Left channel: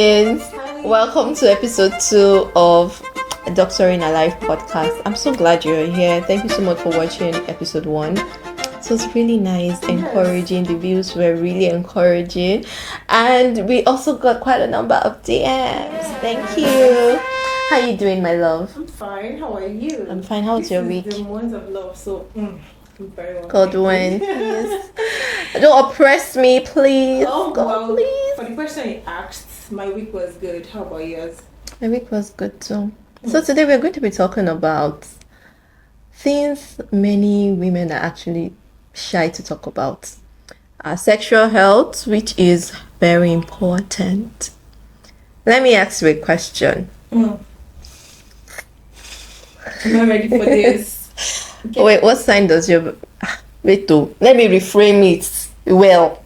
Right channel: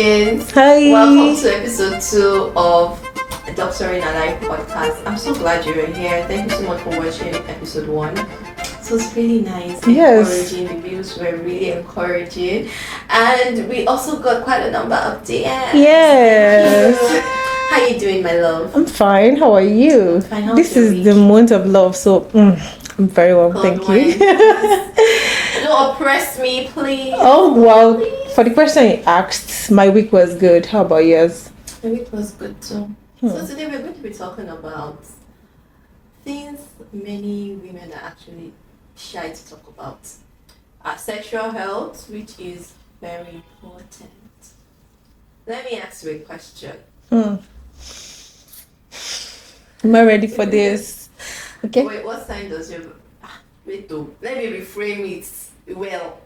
doing? Hi. Welcome to episode 2 of Doctor in a Life podcast. I'm so glad you're here. Thank you so much for watching episode 1. So it's really nice, encouraging. The views were really encouraging, and we also got quite a number of DMs. Yes. Thank you. How you doing, my love? I'm fine. How are you? I'm fine. How's this your is week? the month of love, so I'm very well. God Thank you. Don't oppress me, please. Oh God, well, please. for the question you asked, my week was good. How about yours? My week was good too. So today we're going to be talking about things many women are actually shy to talk about. Our sexual health, which is very important. Let me ask you a question. Am I ready for this? Okay. Wait, what sign does your... Wait, let me reframe it well.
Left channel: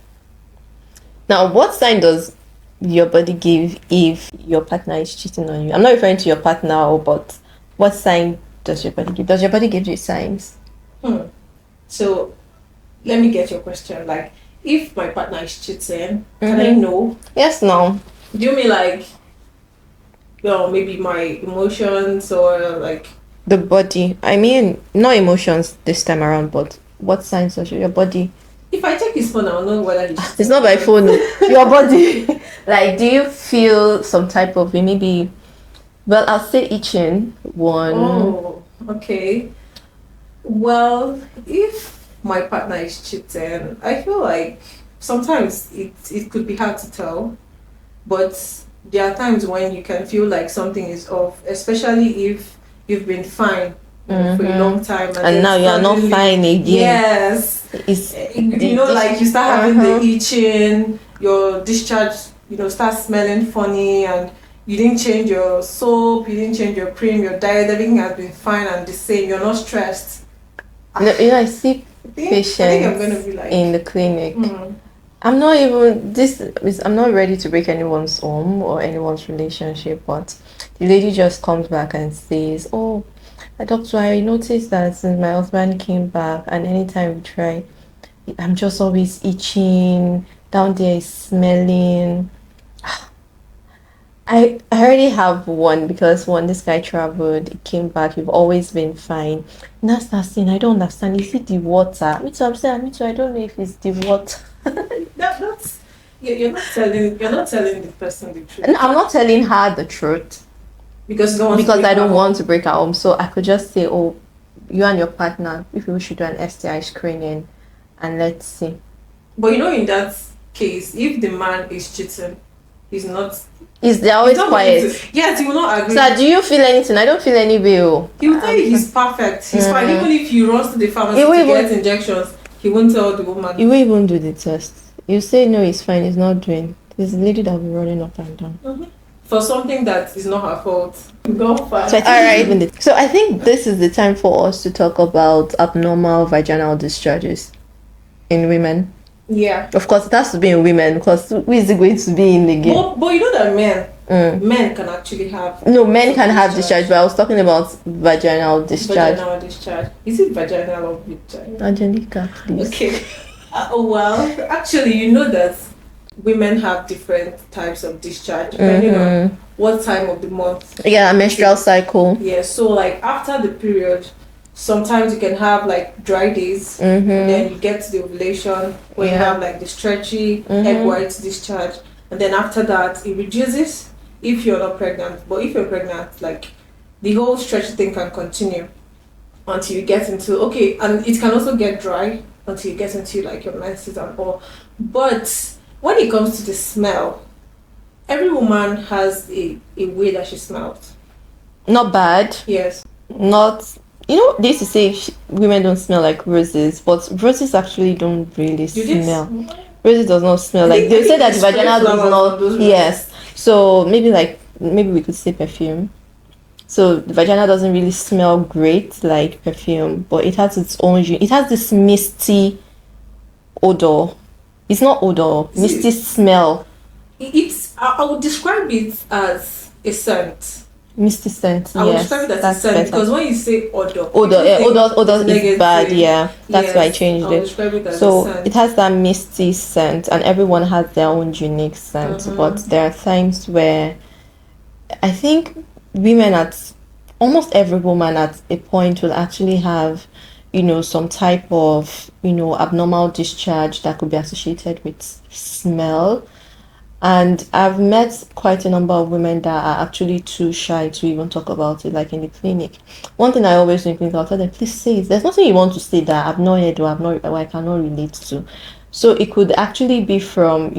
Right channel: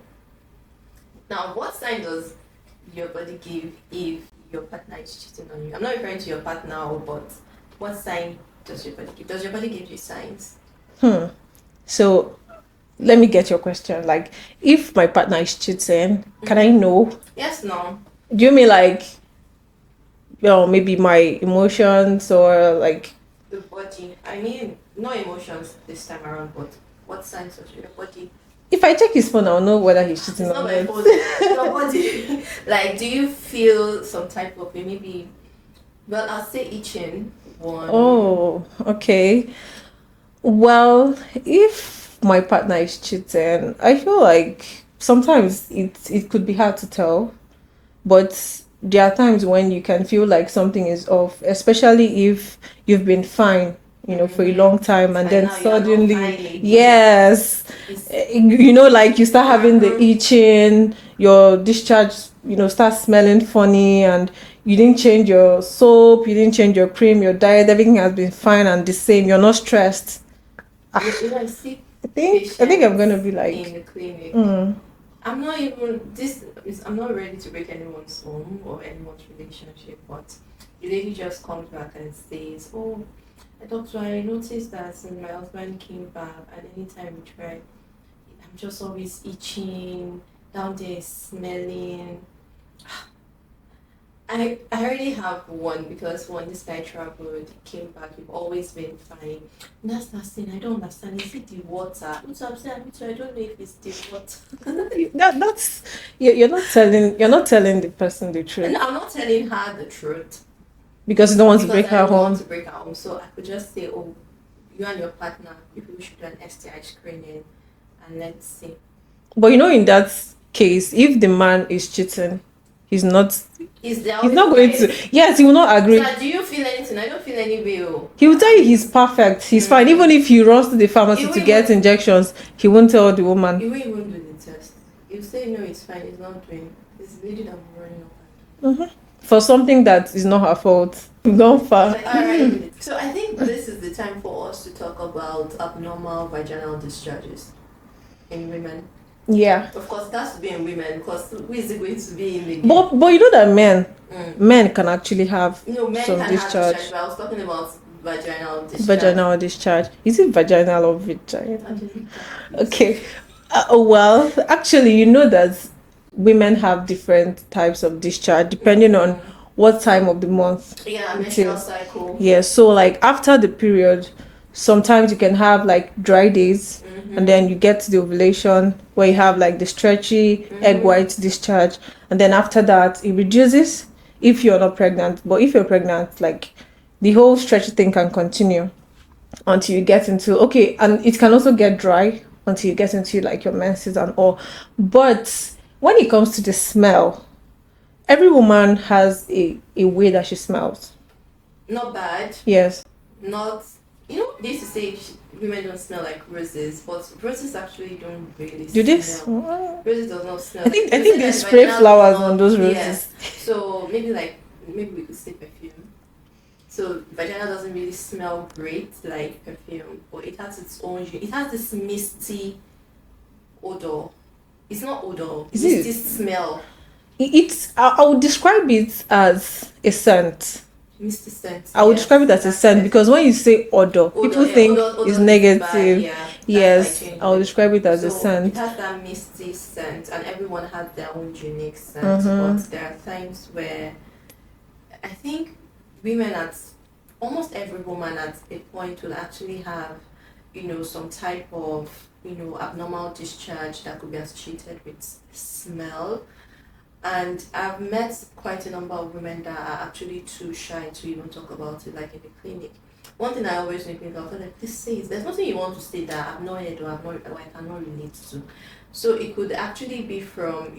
Now, what sign does your body give if your partner is cheating on you? I'm not referring to your partner, but what sign does your body give? Does your body give you signs? So, let me get your question. Like, if my partner is cheating, can I know? Yes, no. Do you mean like, maybe my emotions or like... The body. I mean, not emotions this time around, but what signs does your body? If I check his phone, I'll know whether he's cheating. It's not by phone. Your body. Like, do you feel some type of maybe? Well, I'll say itching. One. Oh, okay. Well, if my partner is cheating, I feel like sometimes it could be hard to tell, but there are times when you can feel like something is off, especially if you've been fine for a long time and then now you're not suddenly- fine again. Yes. It's Like you start having the itching, your discharge, starts smelling funny, and you didn't change your soap, you didn't change your cream, your diet, everything has been fine and the same. You're not stressed. I see I think I'm gonna be like in the clinic. I'm not ready to break anyone's home or anyone's relationship, but the lady just comes back and says, "Oh, doctor, I noticed that since my husband came back, and anytime we try, I'm just always itching, down there is smelling." I already have one, because when this guy traveled, he came back, you've always been fine. And that's not saying, I don't understand. Is it the water? Me too, I'm saying, I don't know if it's the water. that's you're not telling the person the truth. And I'm not telling her the truth. Because you don't want to break I her don't home. want to break her home. So I could just say, oh, you and your partner, if we should do an STI screening, and let's see. But in that case, if the man is cheating, they're always not quiet. Yes, he will not agree. So do you feel anything? I don't feel any way. He will tell you he's perfect, he's fine. Even if he runs to the pharmacy to get injections, he won't tell the woman. You won't even do the test. You say no, it's fine, it's not doing. There's a lady that will be running up and down. For something that is not her fault. Not far. So I think this is the time for us to talk about abnormal vaginal discharges in women. Yeah. Of course, it has to be in women, because who is it going to be in the game? But you know that men can actually have... No, men can have discharge, but I was talking about vaginal discharge. Vaginal discharge. Is it vaginal or vagina? Angelica, please. Okay. Well, actually, you know that women have different types of discharge depending on what time of the month. Yeah, menstrual cycle. Yeah, so like after the period, sometimes you can have like dry days, and then you get to the ovulation where you have like the stretchy egg white discharge, and then after that it reduces if you're not pregnant. But if you're pregnant, like the whole stretchy thing can continue until you get into and it can also get dry until you get into like your menses and all. But when it comes to the smell, every woman has a way that she smells. Not bad. Yes. Not... they used to say women don't smell like roses, but roses actually don't really smell. Roses does not smell like... They say that the vagina does not... Yes. So maybe we could say perfume. So the vagina doesn't really smell great like perfume, but it has its own... It has this misty odor. It's not odor. Misty smell. I would describe it as a scent. Misty scent. I would describe it as a scent because when you say odor is negative. Bad. Yeah, that's why I changed it. I would describe it as a scent. It has that misty scent, and everyone has their own unique scent. But there are times where I think almost every woman at a point will actually have, some type of, abnormal discharge that could be associated with smell. And I've met quite a number of women that are actually too shy to even talk about it, like in the clinic. One thing I always do in clinic, I'll tell them, please say it. There's nothing you want to say that I've not heard or I cannot relate to. So it could actually be from,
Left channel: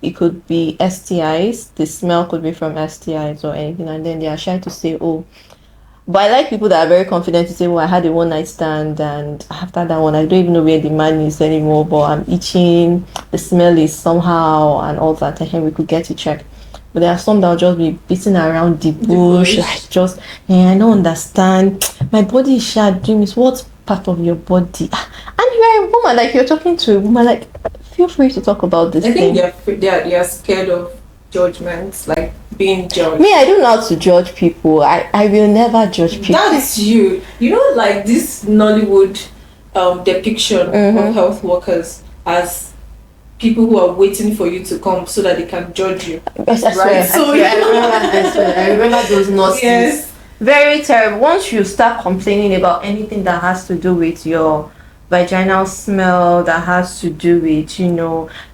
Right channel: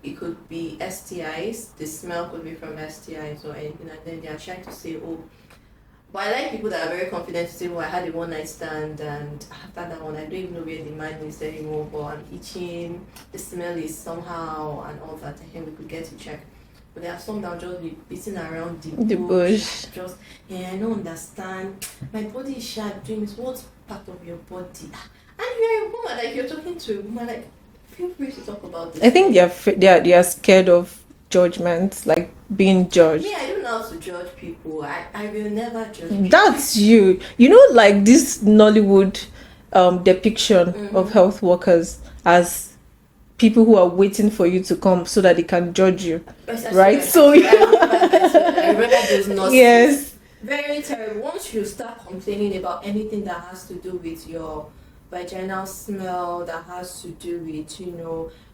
it could be STIs. The smell could be from STIs or anything. And then they are shy to say, oh. But I like people that are very confident to say, well, I had a one-night stand, and after that one, I don't even know where the man is anymore, but I'm itching, the smell is somehow, and all that, and we could get it checked. But there are some that will just be beating around the bush, like I don't understand. My body is doing this. What part of your body? And you are a woman, like you're talking to a woman, like feel free to talk about this. I think they are scared of judgments, like being judged. Me, I don't know how to judge people. I will never judge people. That's you. Like this Nollywood depiction of health workers as people who are waiting for you to come so that they can judge you. Yes, I remember those nurses. Yes. Very terrible. Once you start complaining about anything that has to do with your vaginal smell, that has to do with,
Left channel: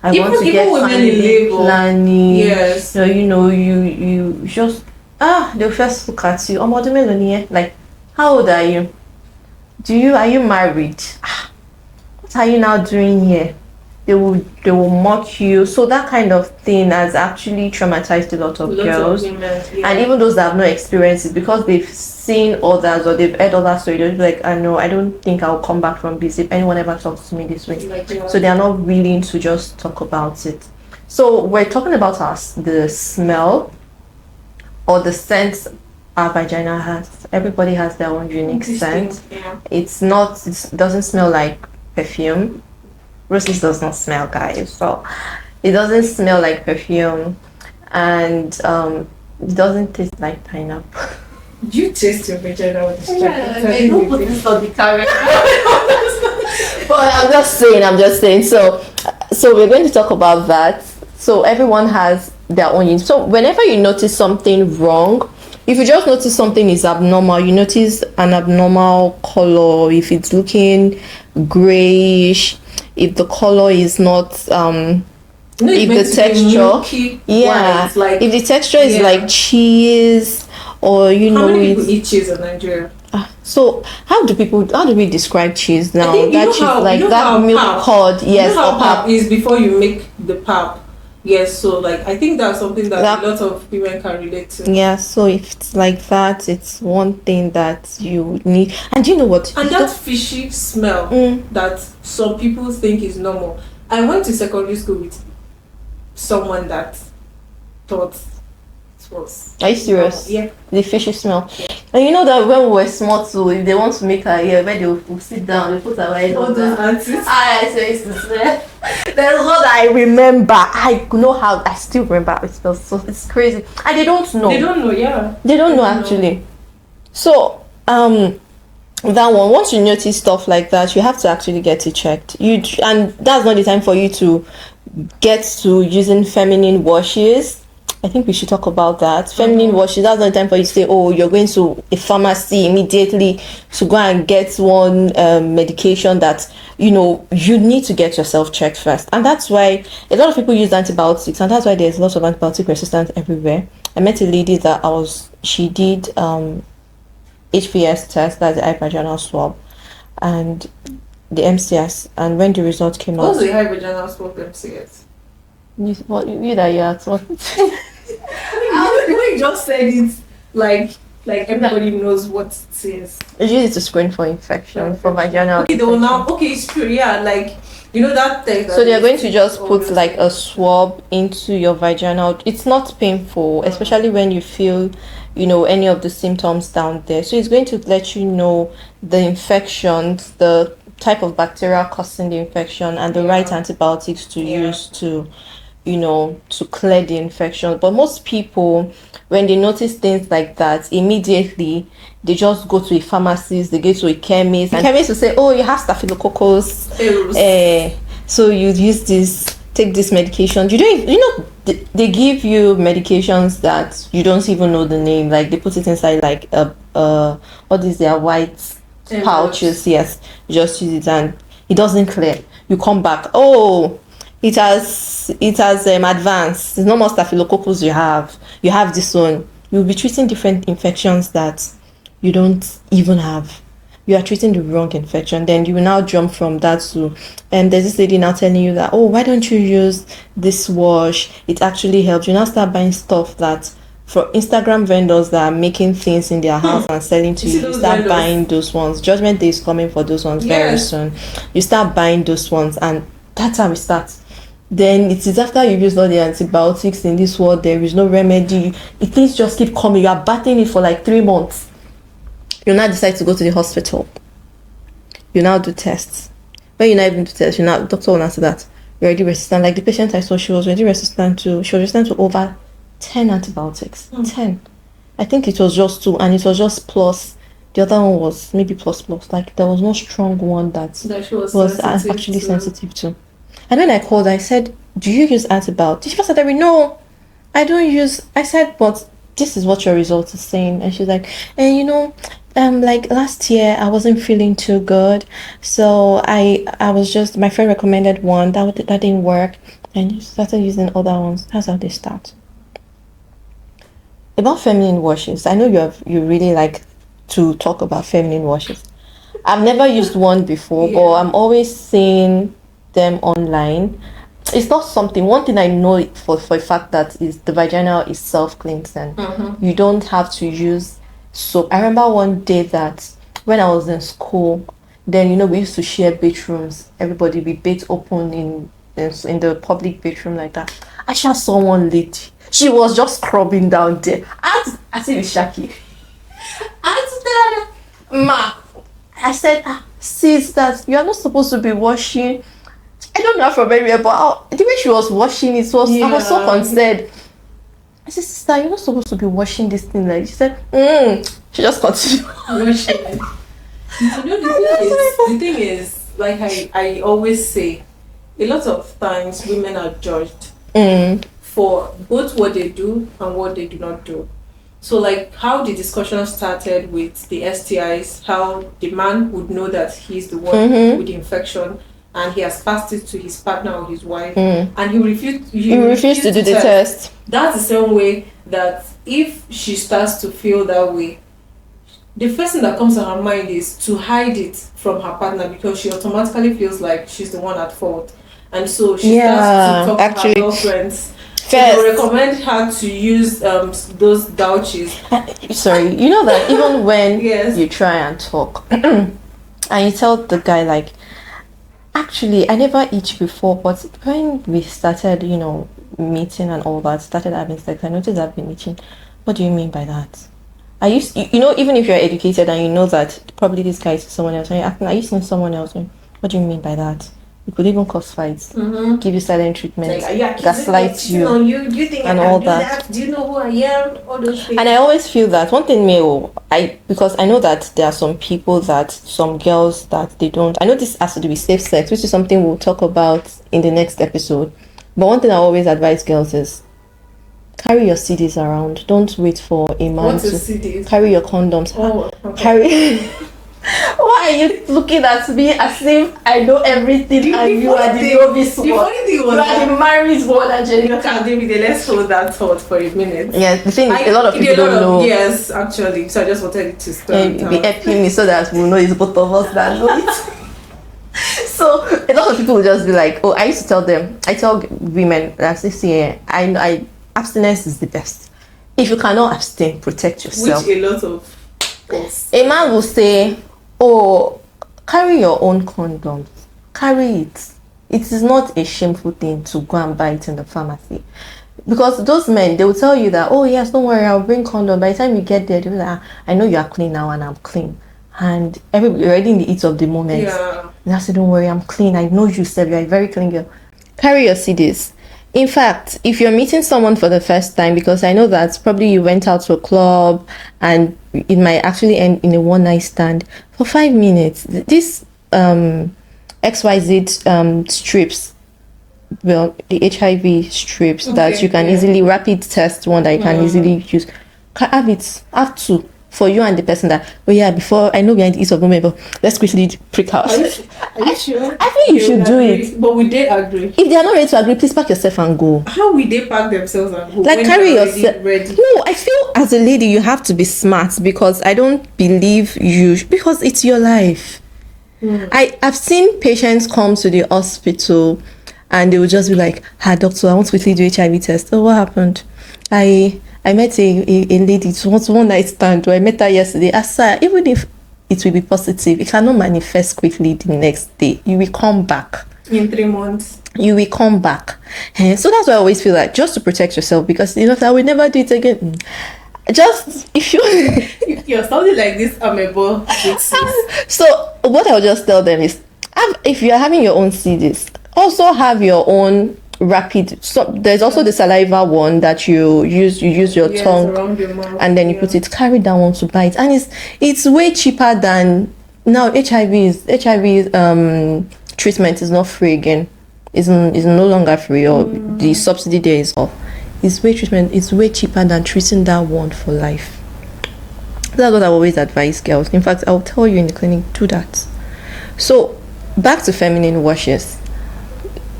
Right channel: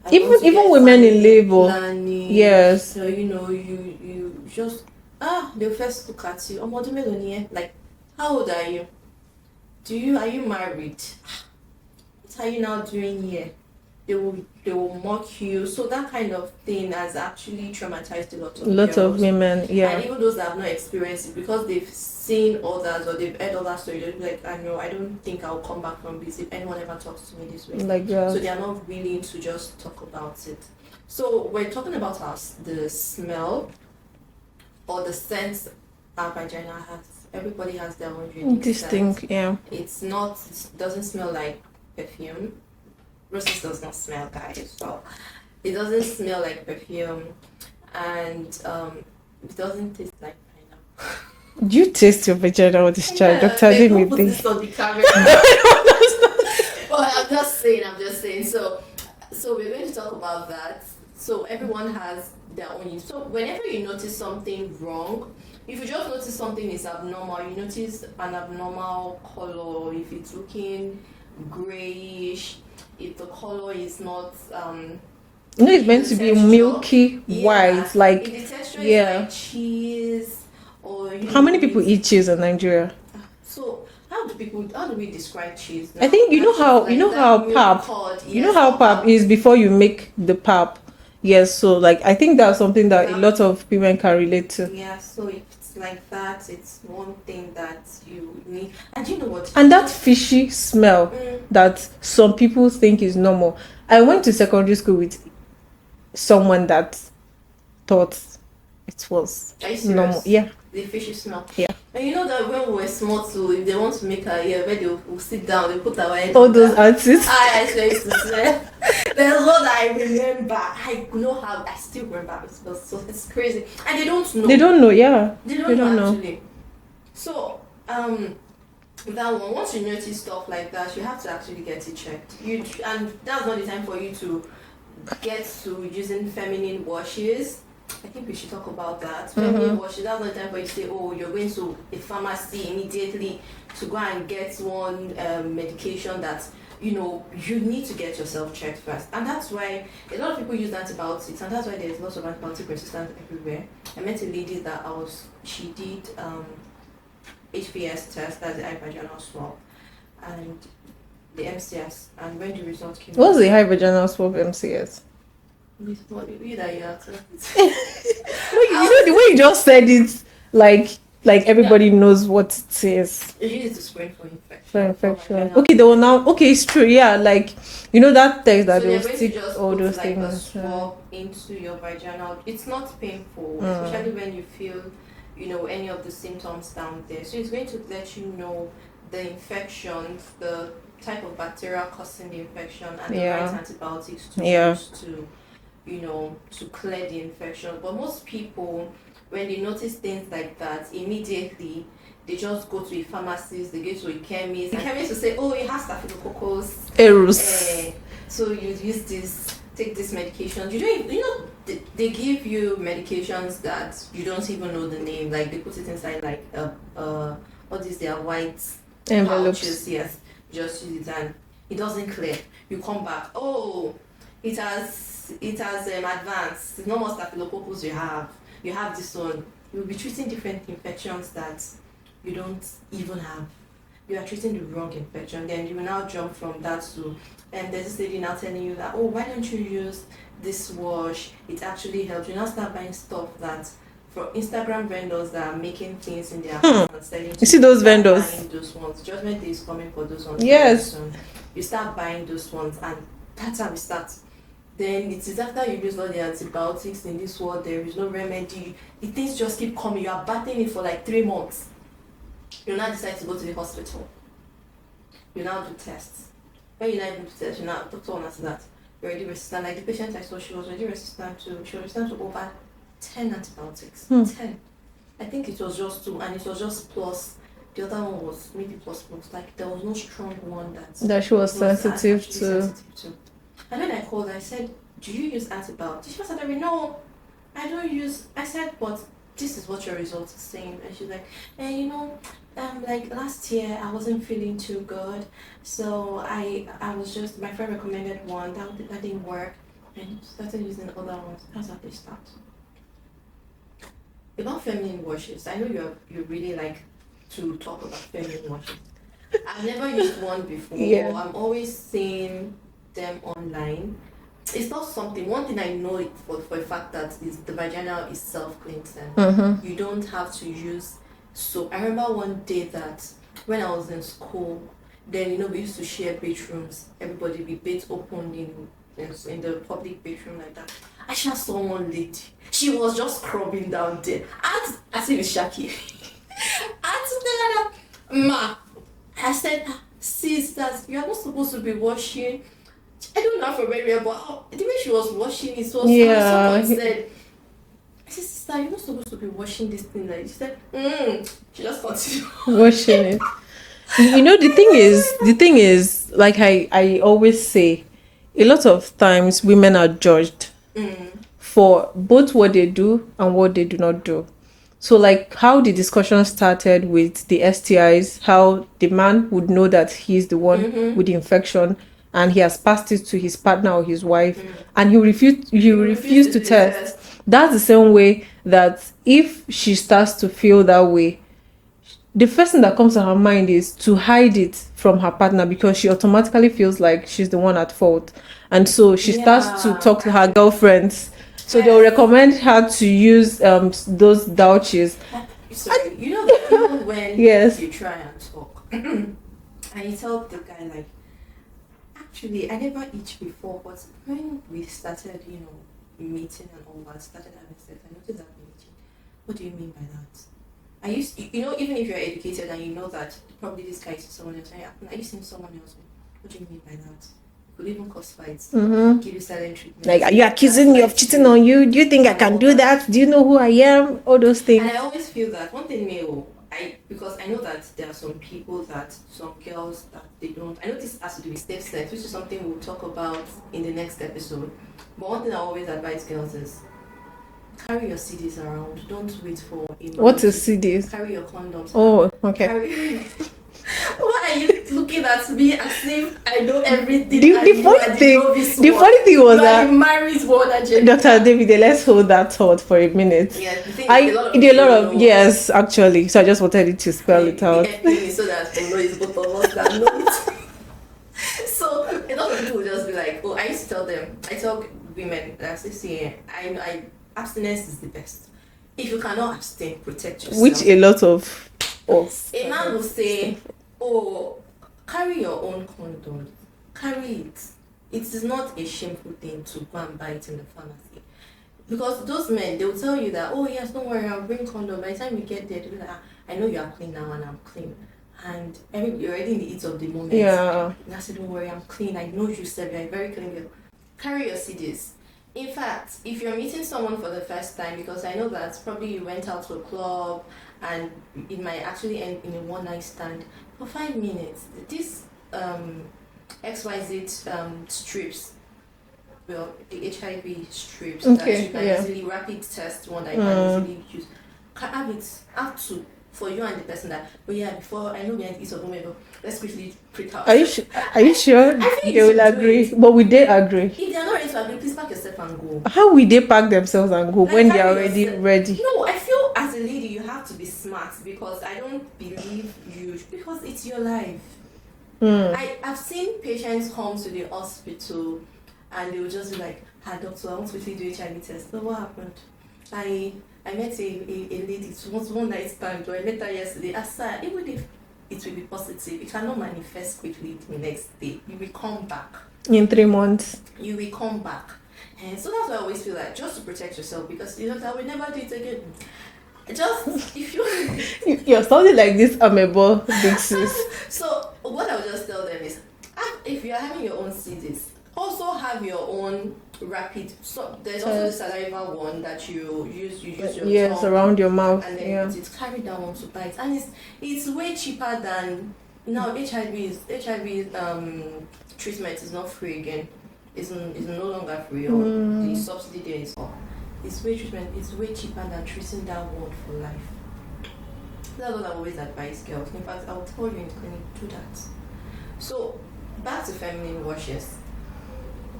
I want to get women in labor planning. Yes. You just they'll first look at you. Like, how old are you? Are you married? What are you now doing here? They will mock you. So that kind of thing has actually traumatized a lot of girls. Of women, yeah. And even those that have no experience it, because they've seen others or they've heard other stories, they'll be like, I know, I don't think I'll come back from this if anyone ever talks to me this way. So they are not willing to just talk about it. So we're talking about the smell or the scent our vagina has. Everybody has their own unique scent. Yeah. It doesn't smell like perfume. Roses does not smell, guys. So it doesn't smell like perfume, and it doesn't taste like pineapple. Do you taste your vaginal discharge, Dr. Don't put this on the camera. But I'm just saying. So we're going to talk about that. So everyone has their own. So whenever you notice something wrong, if you just notice something is abnormal, you notice an abnormal color, if it's looking grayish, if the color is not if the texture milky, white, like if the texture is like cheese, or how many people eat cheese in Nigeria? So how do we describe cheese now? I think that milk curd. Yes, how pap is before you make the pap. Yes, so like I think that's something that a lot of women can relate to. Yeah, so if it's like that, it's one thing that you need. And you know what? And that fishy smell that some people think is normal. I went to secondary school with someone that thought it was. Are you serious? Yeah. The fishy smell. Yeah. And you know that when we were small too, if they want to make our hair, when they will sit down, they put our head all those aunties. I used to smell. There's what I remember. I know how. I still remember. It smells so. It's crazy. And they don't know. They don't know. Yeah. They don't know actually. So that one. Once you notice stuff like that, you have to actually get it checked. And that's not the time for you to get to using feminine washes. I think we should talk about that. Feminine washes, that's not the time for you to say, oh, you're going to a pharmacy immediately to go and get one medication that, you need to get yourself checked first. And that's why a lot of people use antibiotics, and that's why there's lots of antibiotic resistance everywhere. I met a lady that she did HPS test, that's the high vaginal swab, and the MCS, and when the result came out. What's the high vaginal swab MCS? You that you asked what? The way you just said it, like everybody knows what it is. It's usually to screen for infection, for vaginal. Okay, it's true. Yeah, like that thing. So they're going to just put like a swab into your vaginal. It's not painful, especially when you feel, any of the symptoms down there. So it's going to let you know the infections, the type of bacteria causing the infection, and the right antibiotics to use to to clear the infection. But most people, when they notice things like that, immediately they just go to a pharmacist, they go to a chemist, and chemist will say, oh, you have staphylococcus aureus. So you use take this medication. They give you medications that you don't even know the name. Like, they put it inside like what is their white pouches? Yes, you just use it and it doesn't clear. You come back, oh, it has advanced. It's no more staphylococcus you have this one. You'll be treating different infections that you don't even have. You are treating the wrong infection. Then you will now jump from that to, and there's this lady now telling you that, oh, why don't you use this wash? It actually helps. You now start buying stuff that for Instagram vendors that are making things in their house and selling to you. See those vendors? Buying those ones. Judgment Day is coming for those ones very soon. You start buying those ones, and that's how we start. Then it is after you've used all the antibiotics in this world, there is no remedy. Things just keep coming. You are battling it for like 3 months. You now decide to go to the hospital. You now do tests. When you now even do tests, doctor will answer that you're already resistant. Like the patient I saw, she was resistant to over 10 antibiotics. 10. I think it was just 2, and it was just plus. The other one was maybe plus. Like there was no strong one that she was actually sensitive to. And when I called, I said, do you use antibiotics? She said, no, I don't use. I said, but this is what your result is saying. And she's like, like last year I wasn't feeling too good, so I was just, my friend recommended one that didn't work, and you started using other ones. That's how they start. About feminine washes, I know you really like to talk about feminine washes. I've never used one before, but I'm always seeing them online. It's not something. One thing I know for a fact that is the vagina is self-cleansing. You don't have to use soap. I remember one day that when I was in school, then we used to share bathrooms. Everybody be bathe open in the public bathroom like that. I just saw one lady. She was just scrubbing down there. I said, Shaki. I said, sis, that you are not supposed to be washing. I don't know from anywhere, but the way she was washing it was, I was so concerned. I said, sister, you're not supposed to be washing this thing. Like, she said, she just continued washing it. The thing is, like I always say, a lot of times women are judged for both what they do and what they do not do. So like how the discussion started with the STIs, how the man would know that he's the one with the infection, and he has passed it to his partner or his wife, and he refused to do the test. That's the same way that if she starts to feel that way, the first thing that comes to her mind is to hide it from her partner, because she automatically feels like she's the one at fault. And so she starts to talk to her girlfriends. So they recommend her to use those douches. Sorry, you know that even when you try and talk and you tell the guy like, actually, I never itch before, but when we started, meeting and all that, started having sex, I noticed I've been itching. What do you mean by that? Even if you're educated and you know that probably this guy is someone else, and you're asking, are you seeing someone else? What do you mean by that? It could even cause fights, give you silent treatment. Like, are you accusing me of cheating on you? Do you think I can do that? Do you know who I am? All those things. And I always feel that one thing because I know that there are some girls that they don't. I know this has to do with safe sex, which is something we'll talk about in the next episode. But one thing I always advise girls is carry your CDs around. Don't wait for a man. What is CDs? Carry your condoms. Oh, okay. Why are you looking at me as if I know everything? The funny thing was that married one and Dr. David, let's hold that thought for a minute. Yeah, the thing is, a lot of people don't know. Yes, actually. So I just wanted you to spell it out. Be helping me so that we'll know it's both of us that know it. So a lot of people will just be like, oh, I tell women that I abstinence is the best. If you cannot abstain, protect yourself. Which a lot of us. A man will say, oh, carry your own condoms. Carry it. It is not a shameful thing to go and buy it in the pharmacy. Because those men, they will tell you that, oh yes, don't worry, I'll bring condom. By the time you get there, they'll be like, I know you are clean now and I'm clean. And everybody already in the heat of the moment. Yeah. And I say, don't worry, I'm clean. I know you said you're a very clean girl. Carry your CDs. In fact, if you're meeting someone for the first time, because I know that probably you went out to a club and it might actually end in a one night stand for 5 minutes, this XYZ strips, well, the HIV strips that you can easily rapid test, one that you can easily use, have two for you and the person that, before I know behind the ease of women, but let's quickly prick out. Are you sure? I think you should do it. But will they agree? If they are not ready to agree, please pack yourself and go. How will they pack themselves and go? Like, when carry yourself ready? No, I feel as a lady you have to be smart, because I don't believe because it's your life. I've seen patients come to the hospital and they will just be like, doctor, I want to quickly do HIV test. Oh, what happened? I met a lady, it was one night stand. I met her yesterday. I said, even if it will be positive, it cannot manifest quickly the next day. You will come back. In 3 months. You will come back. So that's why I always feel like, just to protect yourself, because I will never do it again. Just, if you're sounding like this amebo big sis. So what I'll just tell them is, if you're having your own CDs, also have your own rapid. So there's also the saliva one that you use your tongue around your mouth, and then you put it, carry that one to bite, and it's way cheaper than now. HIV treatment is not free again. Is no longer free, or the subsidy there is off. It's way cheaper than treating that one for life. That's what I always advise girls. In fact, I'll tell you in the clinic, do that. So back to feminine washes,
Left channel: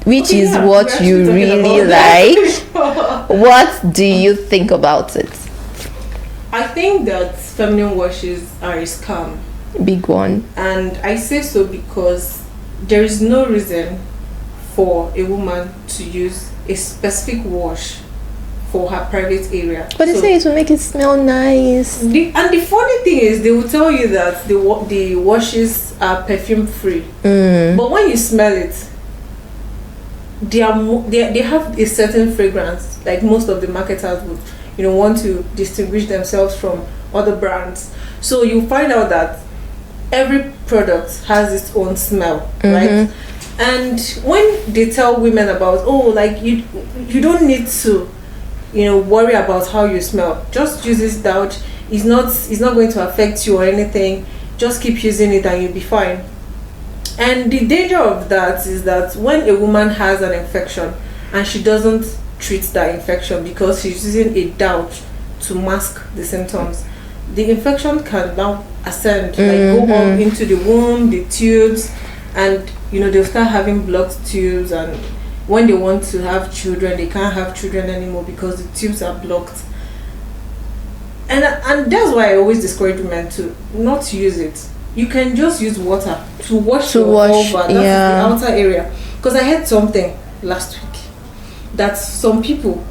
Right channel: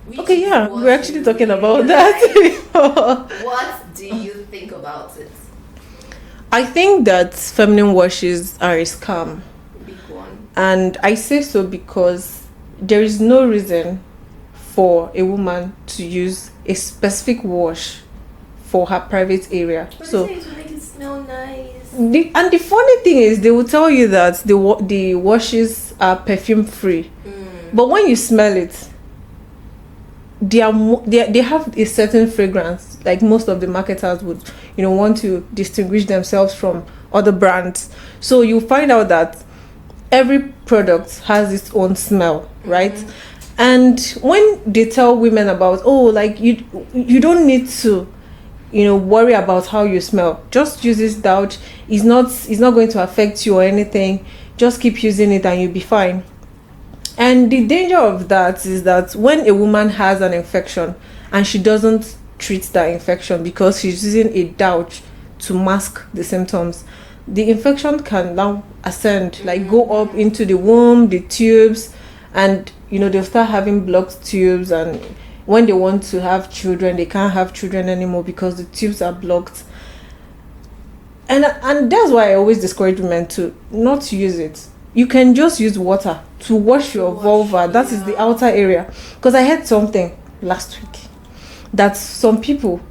which is what you really like. What do you think about it? I think that feminine washes are a scam. Big one. And I say so because there is no reason for a woman to use a specific wash for her private area. But they say it will make it smell nice. And the funny thing is, they will tell you that the washes are perfume free. But when you smell it, they have a certain fragrance. Like most of the marketers would, want to distinguish themselves from other brands. So you find out that every product has its own smell, right? And when they tell women about, you don't need to, worry about how you smell. Just use this douch. It's not going to affect you or anything. Just keep using it and you'll be fine. And the danger of that is that when a woman has an infection and she doesn't treat that infection because she's using a douch to mask the symptoms, the infection can now ascend, go up into the womb, the tubes, and they'll start having blocked tubes, and when they want to have children, they can't have children anymore because the tubes are blocked. And that's why I always discourage women to not use it. You can just use water to wash your vulva. That is the outer area. Because I heard something last week that some people,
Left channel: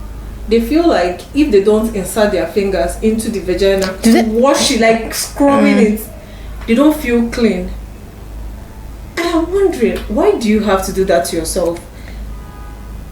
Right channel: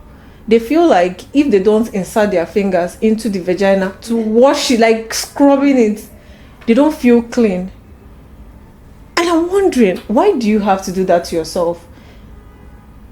they feel like if they don't insert their fingers into the vagina to wash it, like scrubbing it, they don't feel clean. And I'm wondering, why do you have to do that to yourself?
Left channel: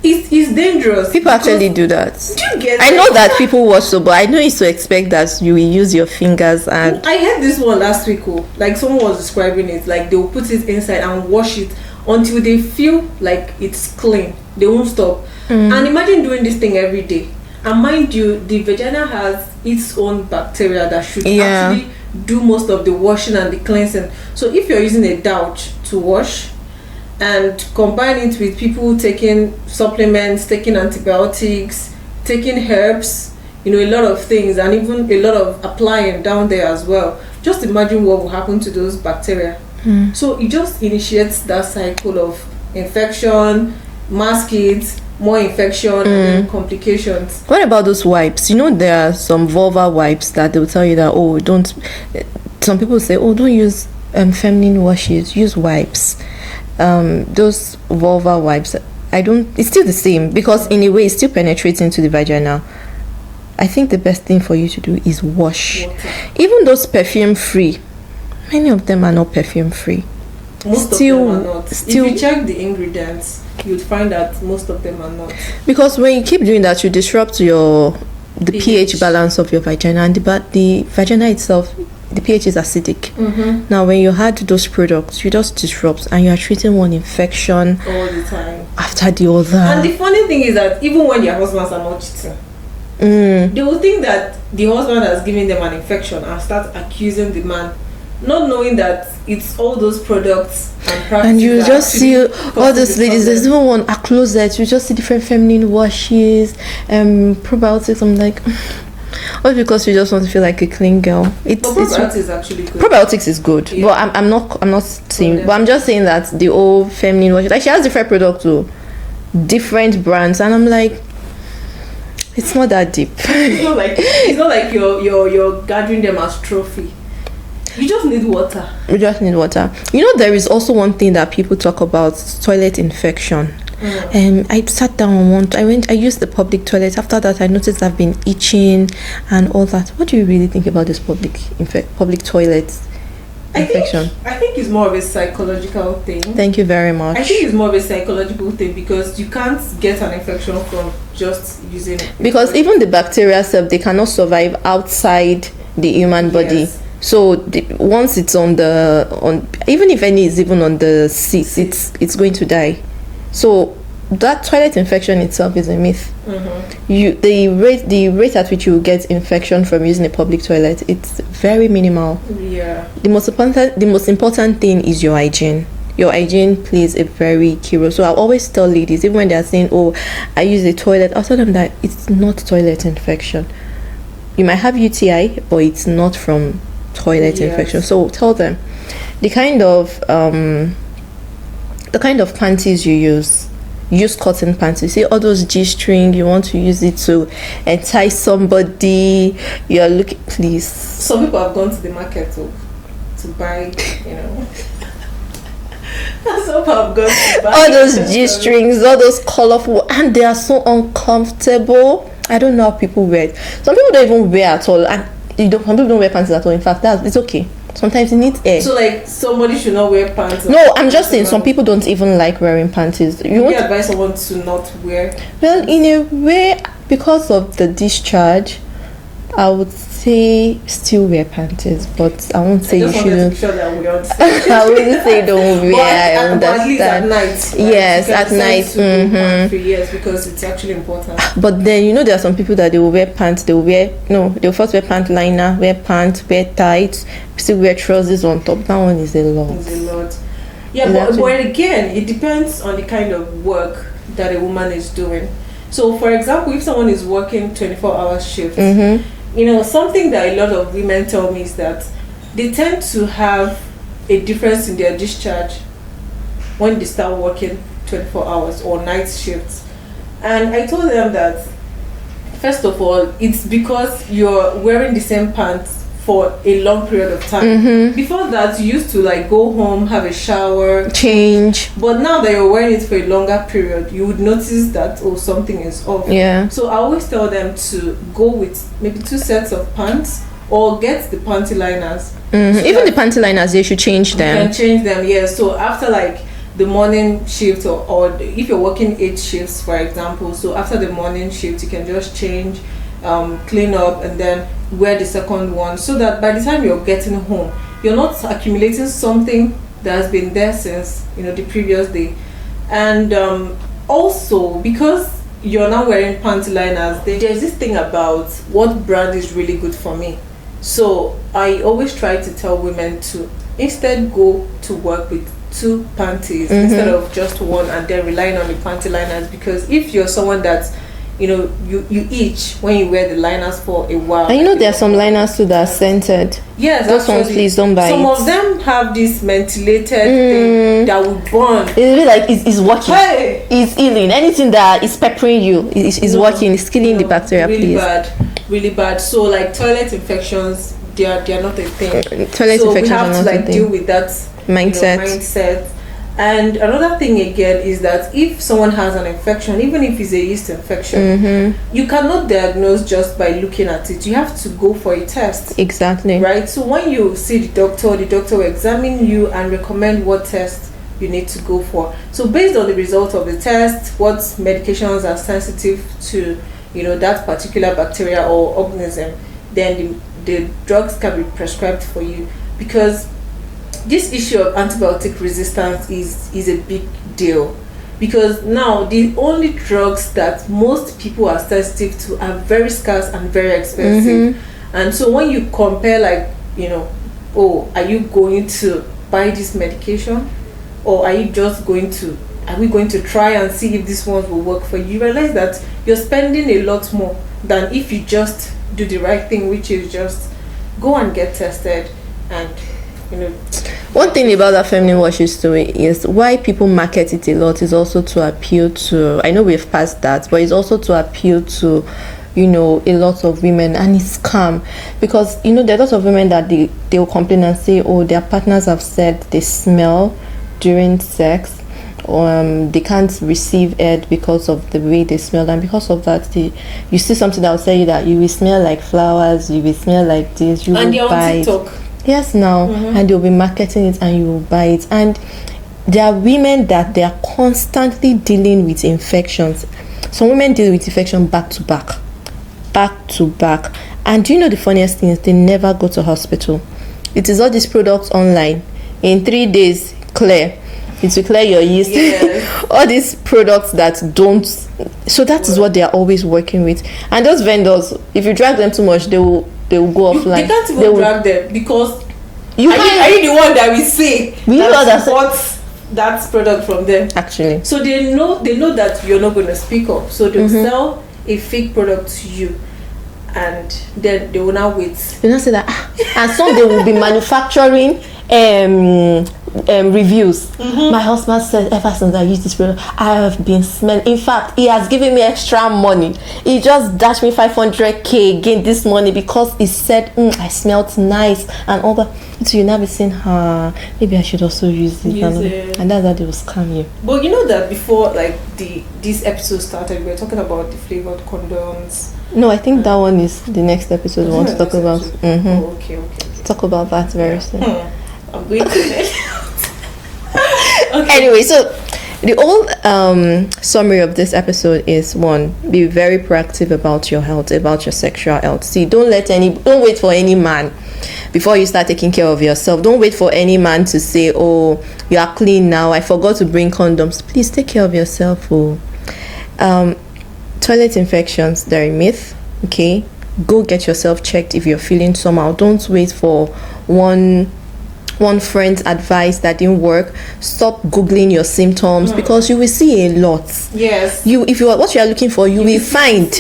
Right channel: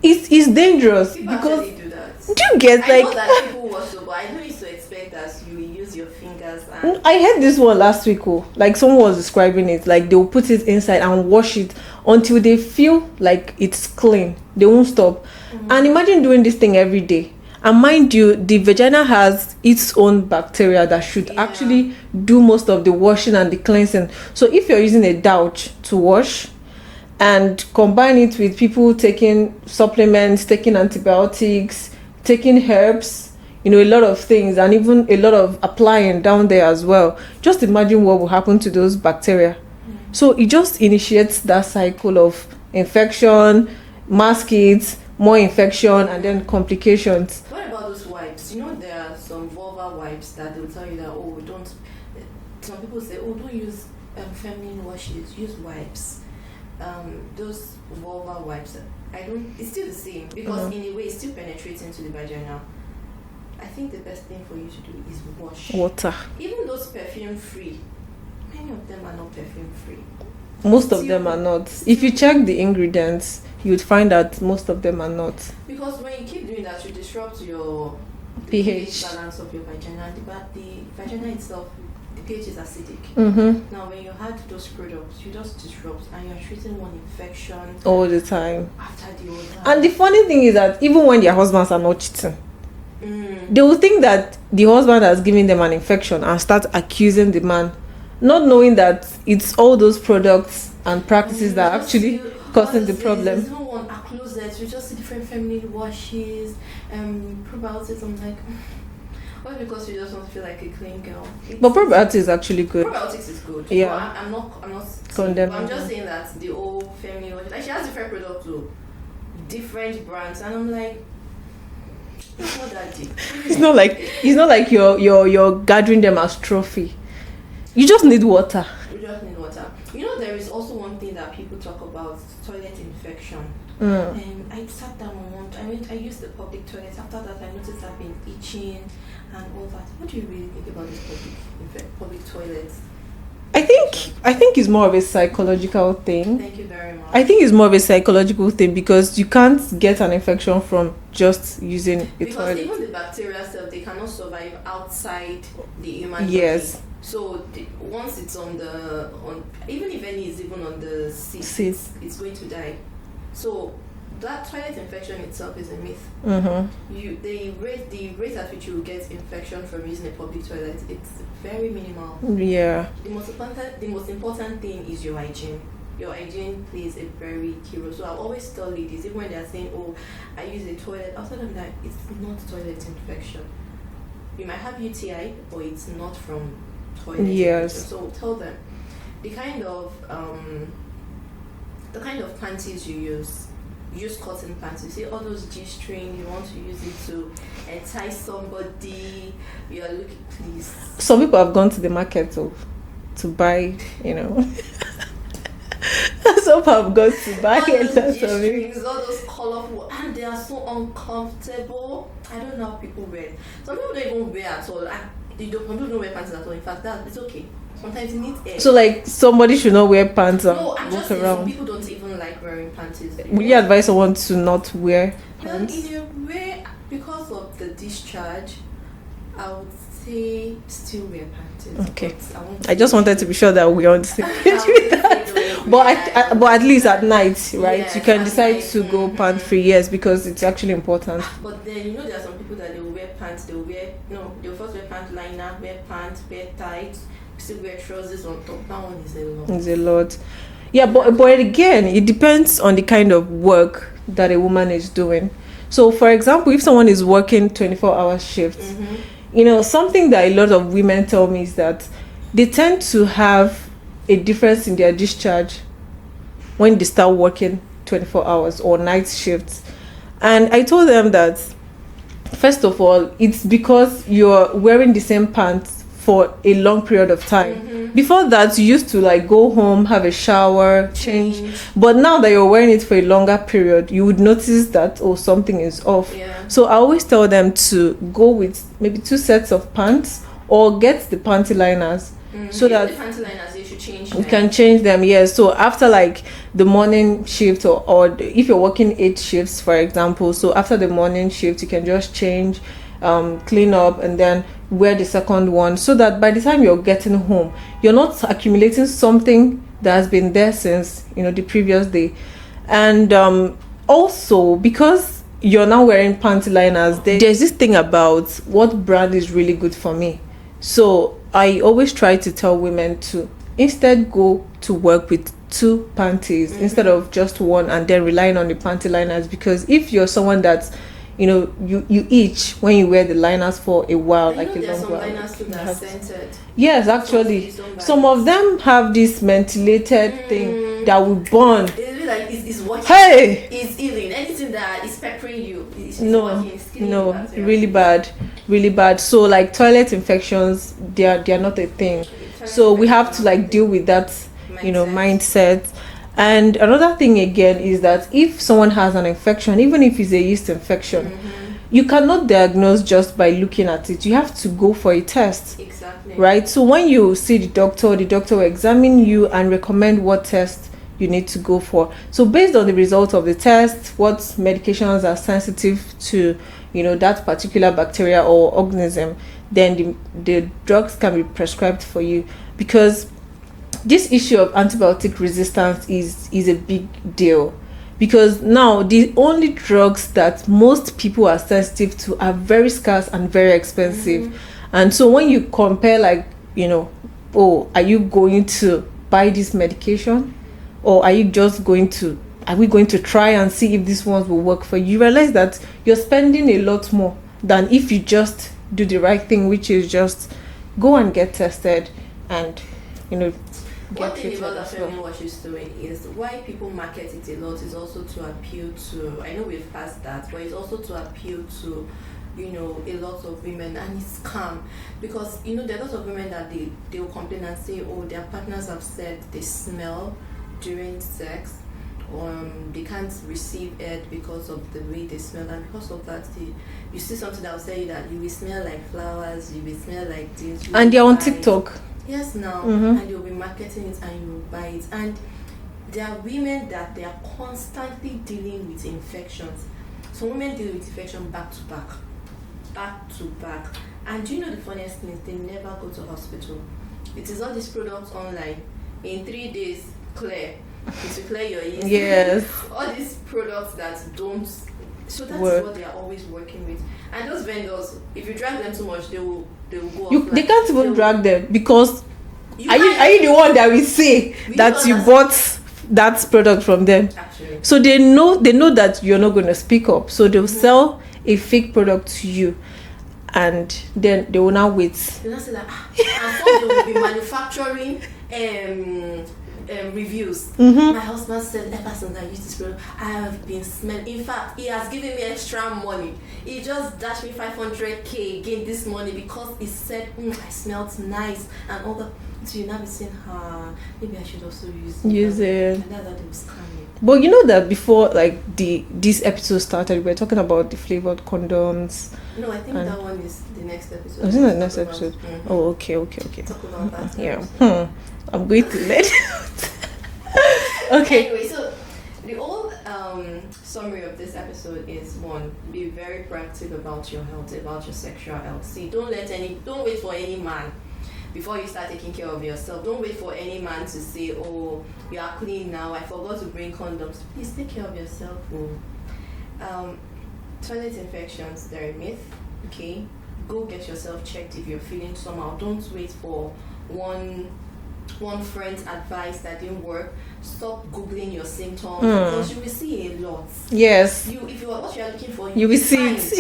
It's dangerous. People actually do that. Do you get I know that people wash so, but I know it's to expect that you will use your fingers. And I heard this one last week. Like someone was describing it, like they'll put it inside and wash it until they feel like it's clean. They won't stop. And imagine doing this thing every day. And mind you, the vagina has its own bacteria that should actually do most of the washing and the cleansing. So if you're using a douch to wash and combine it with people taking supplements, taking antibiotics, taking herbs, a lot of things, and even a lot of applying down there as well, just imagine what will happen to those bacteria. So it just initiates that cycle of infection, mask it, more infection, and then complications. What about those wipes? There are some vulva wipes that they'll tell you that, don't. Some people say, don't use feminine washes, use wipes. Those vulva wipes, it's still the same, because in a way it still penetrates into the vagina. I think the best thing for you to do is wash. Water. Even those perfume free, many of them are not perfume free. Most of them are not. If you check the ingredients, you would find that most of them are not. Because when you keep doing that, you disrupt the pH balance of your vagina, and the vagina itself, the pH is acidic. Now when you had those products, you just disrupt and you are treating one infection all the time after the other. And the funny thing is that even when their husbands are not cheating, they will think that the husband has given them an infection and start accusing the man, not knowing that it's all those products and practices. And you that just see all these ladies. problem. There's even one a closet. You just see different feminine washes, probiotics. I'm like, all because you just want to feel like a clean girl. But probiotics is actually good. Probiotics is good, Yeah. but I'm not saying. But I'm just saying that the old feminine wash, like she has different products too, different brands, and I'm like, it's not that deep. It's not like you're gathering them as trophy. You just need water. You just need water. You know, there is also one thing that people talk about: toilet infection. And I sat down I used the public toilet. After that, I noticed I've been itching and all that. What do you really think about this public toilet infection? I think it's more of a psychological thing. Thank you very much. I think it's more of a psychological thing because you can't get an infection from just using because toilet. Even the bacteria itself, they cannot survive outside the human body. Yes. So once it's on even if any is even on the seat, it's going to die. So that toilet infection itself is a myth. The rate at which you get infection from using a public toilet, it's very minimal. Yeah. The most important thing is your hygiene. Your hygiene plays a very key role. So I always tell ladies, even when they are saying, "Oh, I use a toilet," I'll tell them that it's not toilet infection. You might have UTI, but it's not from toilet infection. So tell them the kind of panties you use cotton panties. See all those G-string, you want to use it to entice somebody, you're looking, please. Some people have gone to the market to buy, some people have gone to buy all those G-strings, all those colorful, and they are so uncomfortable. I don't know how people wear it. Some people don't even wear at all, and some people don't wear panties at all. In fact, it's okay. Sometimes it needs air. So like somebody should not wear pants. No, I'm just saying some people don't even like wearing panties. You advise someone to not wear? Well, in a way, because of the discharge, I would say still wear panties, but I won't say. I just wanted to be sure that we understand. I wouldn't say don't wear. But at least at night. Right? Yes, at night. To go pant free, yes, because it's actually important. But then there are some people that they will wear pants. They'll first wear pant liner, wear pants, wear tights, still wear trousers on top. That one is a lot. It's a lot. Yeah, but again, it depends on the kind of work that a woman is doing. So, for example, if someone is working 24-hour shifts, something that a lot of women tell me is that they tend to have a difference in their discharge when they start working 24 hours or night shifts. And I told them that, first of all, it's because you're wearing the same pants for a long period of time. Before that, you used to go home, have a shower, change. But now that you're wearing it for a longer period, you would notice that something is off. Yeah. So I always tell them to go with maybe 2 sets of pants or get the panty liners. So even the panty liners, they should change them. You can change them, yes. So after the morning shift or if you're working 8 shifts, for example, so after the morning shift, you can just change, clean up, and then wear the second one, so that by the time you're getting home, you're not accumulating something that has been there since the previous day. And also, because you're now wearing panty liners, there's this thing about what brand is really good for me. So I always try to tell women to instead go to work with 2 panties instead of just one, and then relying on the panty liners, because if you're someone that's you itch when you wear the liners for a while. And there are some liners too that are scented. Yes, those ones, please don't buy. Some of them have this mentholated thing that will burn. It's really like it's working. Hey! It's healing. Anything that is peppering you is working. It's killing the bacteria. Really bad, really bad. So toilet infections, they are not a thing. Toilet so infections we have are to deal with that mindset. And another thing again is that if someone has an infection, even if it's a yeast infection, you cannot diagnose just by looking at it. You have to go for a test. Exactly. Right? So when you see the doctor will examine you and recommend what test you need to go for. So based on the result of the test, what medications are sensitive to, that particular bacteria or organism, then the drugs can be prescribed for you, because this issue of antibiotic resistance is a big deal, because now the only drugs that most people are sensitive to are very scarce and very expensive. And so when you compare, like, you know, oh, are you going to buy this medication, or are we going to try and see if this one will work for you? You realize that you're spending a lot more than if you just do the right thing, which is just go and get tested. And you know, one thing about that feminine washes story is why people market it a lot is also to appeal to, I know we've passed that, but it's also to appeal to, you know, a lot of women, and it's scam, because, you know, there are lots of women that they will complain and say, oh, their partners have said they smell during sex, they can't receive head because of the way they smell, and because of that you see something that will tell you that you will smell like flowers, you will smell like this, you and will they're buy on TikTok. Yes, now, and they'll be marketing it and you will buy it. And there are women that they are constantly dealing with infections. Some women deal with infection back to back. And do you know the funniest thing is they never go to hospital. It is all these products online. In 3 days, clear. It will clear your yeast. Yes. All these products that don't. So that is what they are always working with. And those vendors, if you drag them too much, they will go offline. They can't even drag them, because are you the one that we say that you bought that product from them? Actually. So they know that you're not going to speak up. So they'll sell a fake product to you, and then they will now wait. They now say that, and some they will be manufacturing reviews. My husband said, ever since I used this product, I have been smelling. In fact, he has given me extra money. He just dashed me 500k again this morning because he said, I smelled nice and all that. So you now be saying, maybe I should also use it. And that's how they will scam you. But you know that before, like, this episode started, we were talking about the flavored condoms. No, I think that one is the next episode we want to talk about. Oh, okay. Talk about that very soon. I'm going to let Okay. Anyway, so the whole summary of this episode is: 1, be very proactive about your health, about your sexual health. See, don't wait for any man before you start taking care of yourself. Don't wait for any man to say, oh, you are clean now, I forgot to bring condoms. Please take care of yourself. Toilet infections, they're a myth. Okay, go get yourself checked if you're feeling somehow. Don't wait for one friend's advice that didn't work. Stop googling your symptoms, because you will see a lot. Yes, if you are what you are looking for, you will find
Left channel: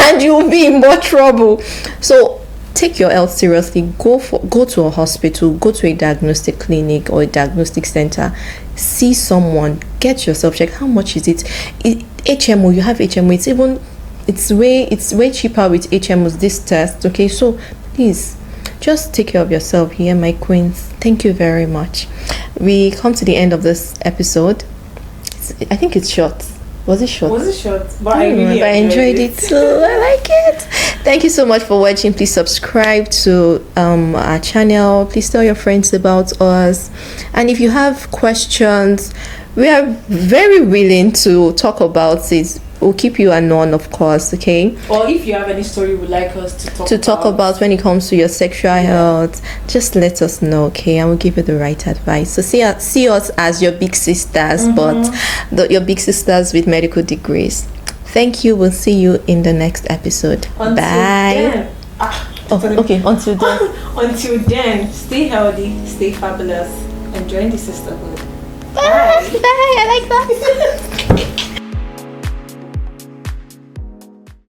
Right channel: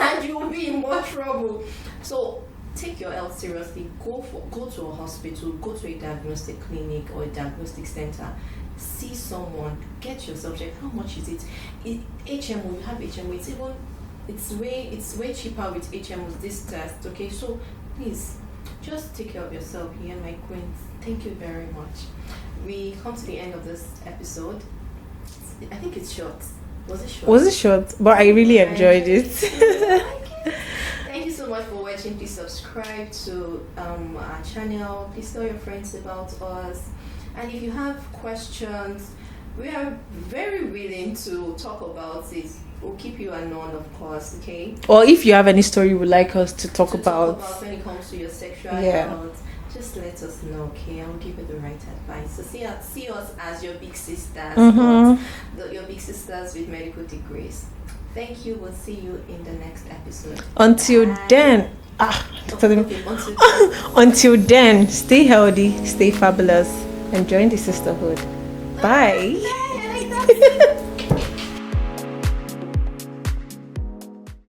and you will be in more trouble. So take your health seriously. Go to a hospital, go to a diagnostic clinic or a diagnostic center, see someone, get yourself checked. How much is it? HMO, you have HMO, it's way cheaper with HMOs, this test. Okay, so please just take care of yourself here, my queens. Thank you very much. We come to the end of this episode. I think it's short. Was it short? But I really enjoyed it too. I like it. Thank you so much for watching. Please subscribe to our channel. Please tell your friends about us. And if you have questions, we are very willing to talk about it. We'll keep you unknown, of course, okay? Or if you have any story you would like us to talk about when it comes to your sexual health, just let us know, okay? And we'll give you the right advice. So see us as your big sisters, but your big sisters with medical degrees. Thank you. We'll see you in the next episode. Until then. Until then, stay healthy, stay fabulous, and join the sisterhood. Bye. Bye. I like that.